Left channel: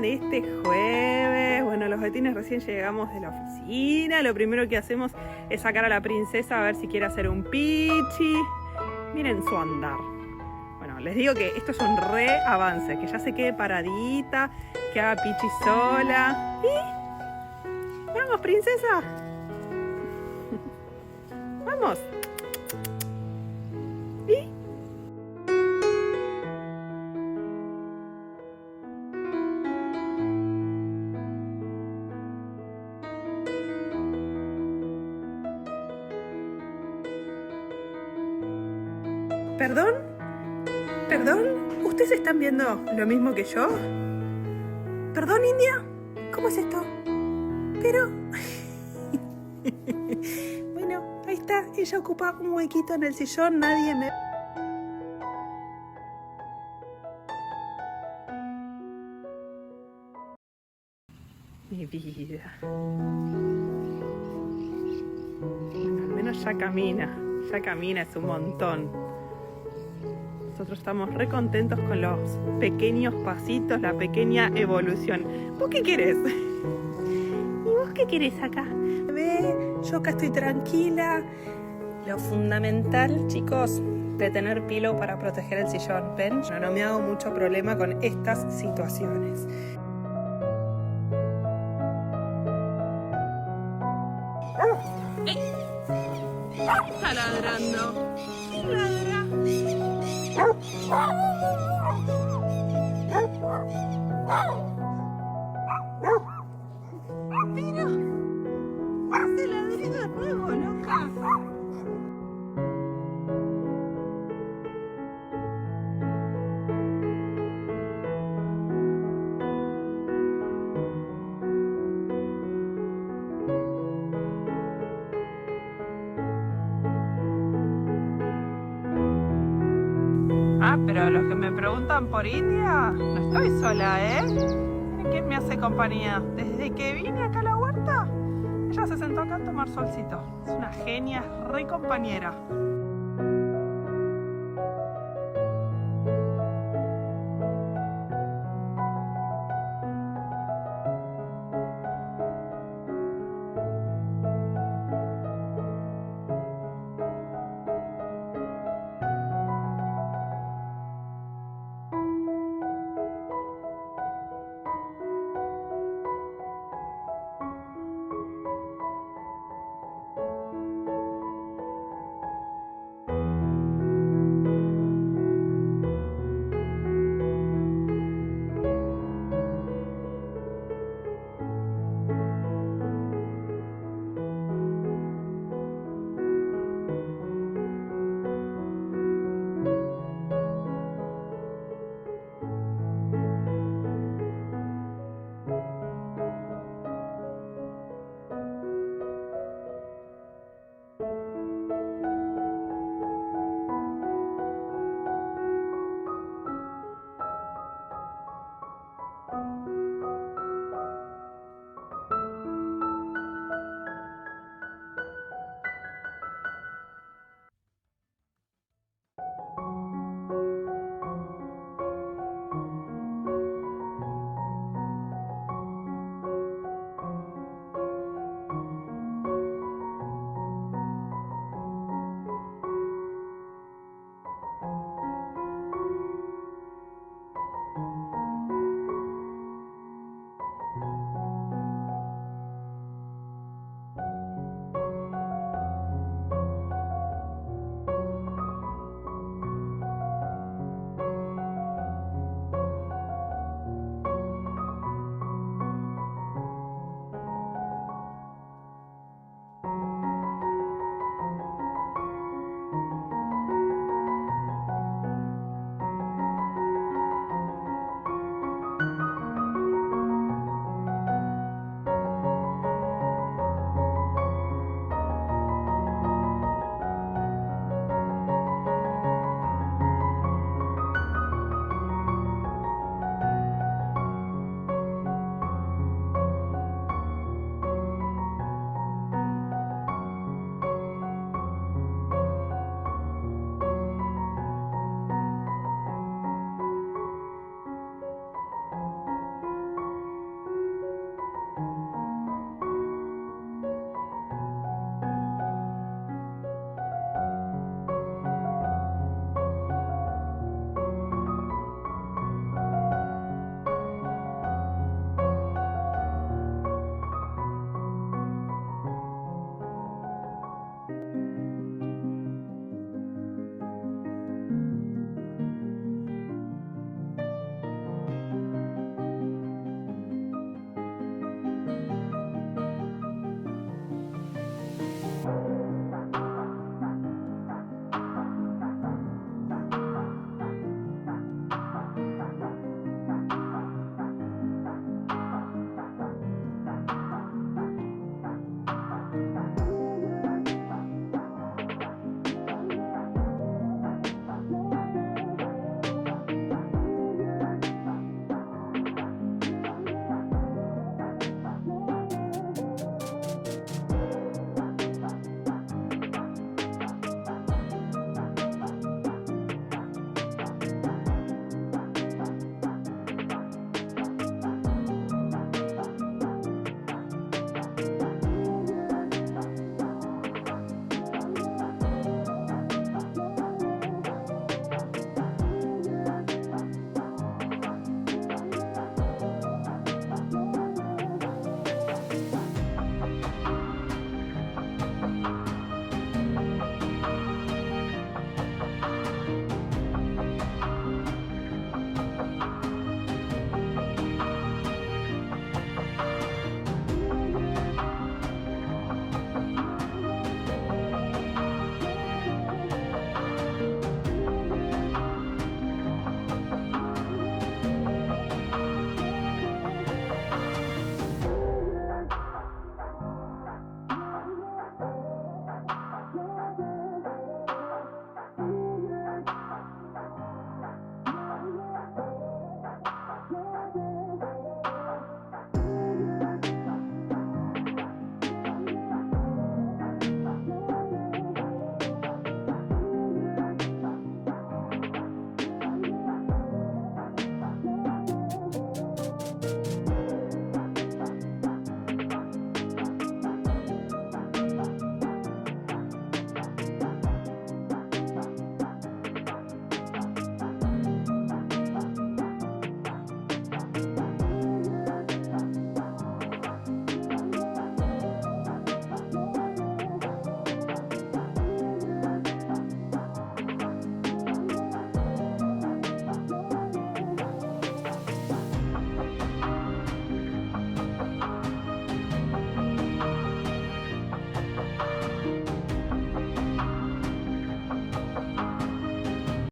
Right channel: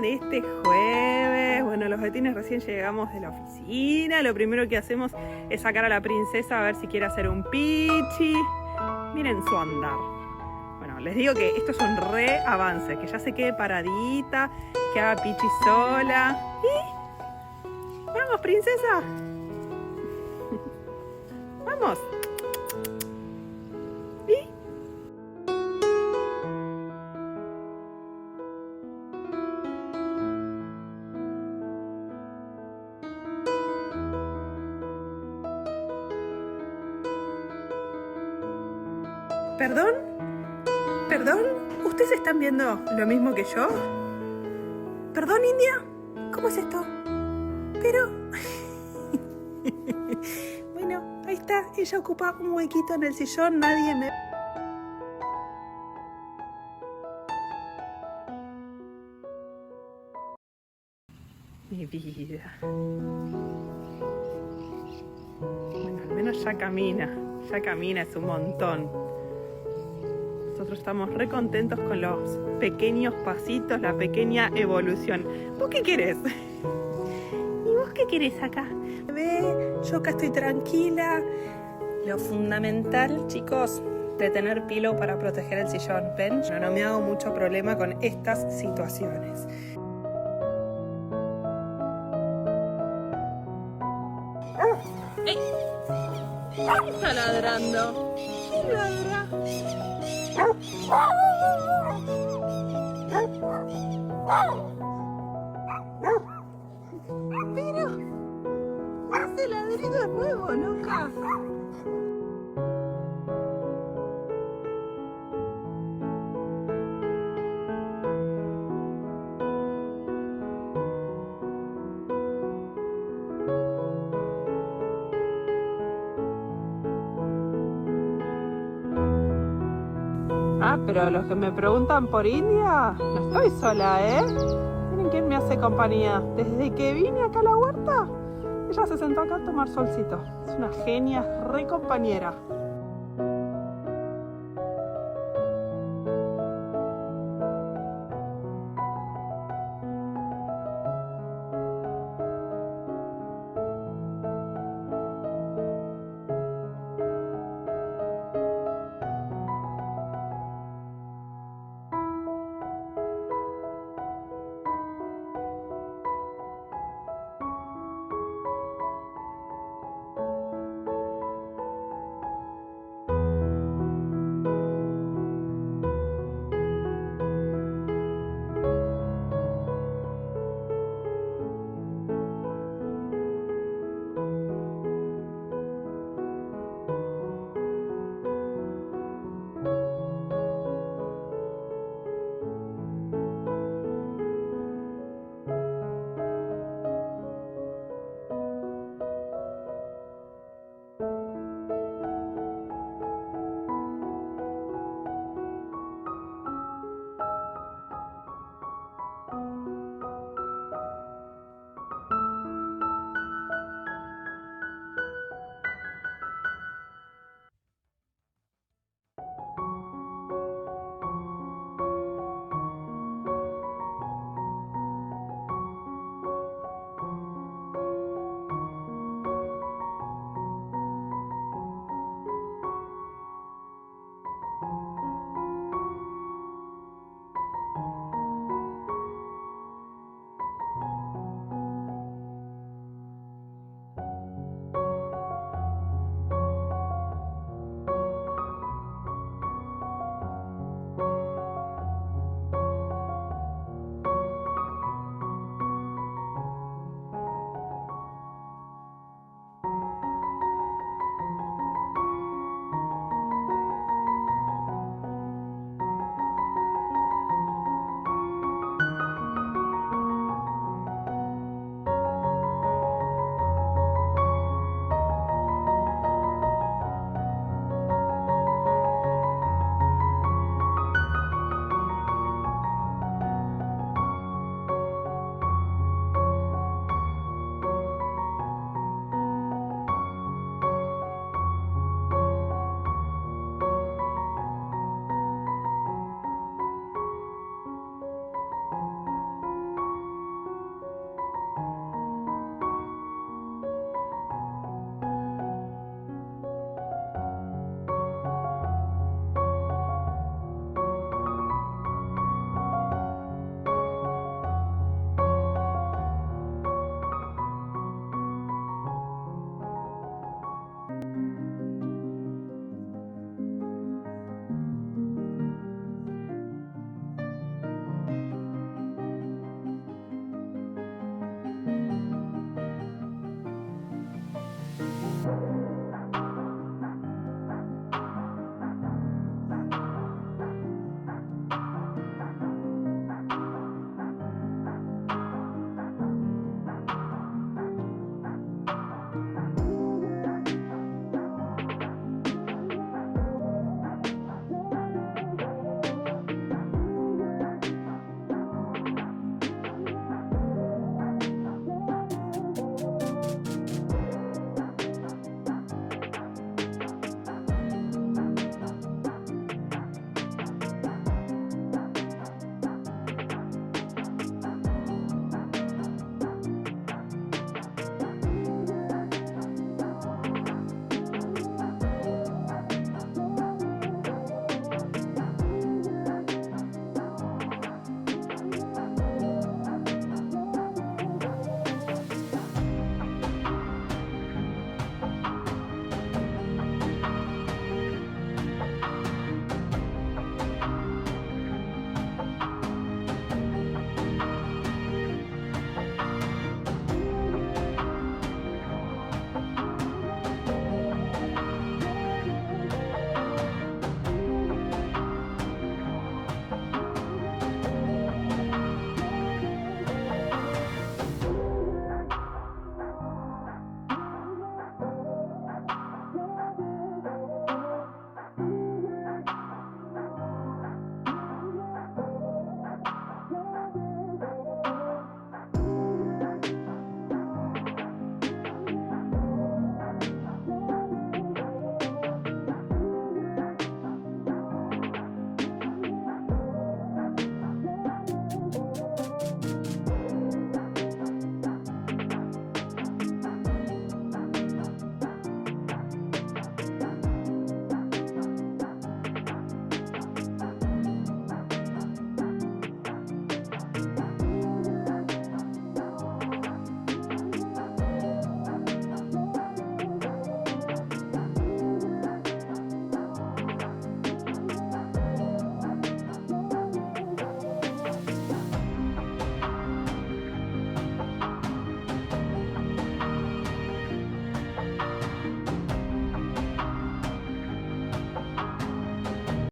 andan este jueves? Bueno, los gatines recién llegamos de la oficina. Lo primero que hacemos es sacar a la princesa a ver si quiere hacer un pichi. Miren su andar. Bueno, les digo que esto es un re avance, que ya se quede paradita, que haga pichi sola. ¿Y? Vamos, princesa. Vamos. ¿Y? ¿Perdón? ¿Perdón? ¿Ustedes están viendo lo mismo que yo? ¿Perdón, India? ¿Cómo es esto? Pero... Bueno, ahí está. Ella ocupa un huequito en el sillón. Nadie me... Mi vida. Bueno, al menos ya camina. Ya camina, es un montón. Nosotros estamos re contentos con los pequeños pasitos, la pequeña evolución. ¿Vos qué querés? ¿Y vos qué querés acá? Ve, yo acá estoy tranquila. Lo fundamental, chicos, de tener pillow para proteger el sillón. ¿Ven? Yo no me hago mucho problema con estas situaciones. ¡Ey! ¿Qué está ladrando? ¿Quién ladra? Pero ese ladrido es nuevo, loca. Pero los que me preguntan por India, no estoy sola, ¿eh? Miren quién me hace compañía. Desde que vine acá a la huerta, ella se sentó acá a tomar solcito. Es una genia, re compañera.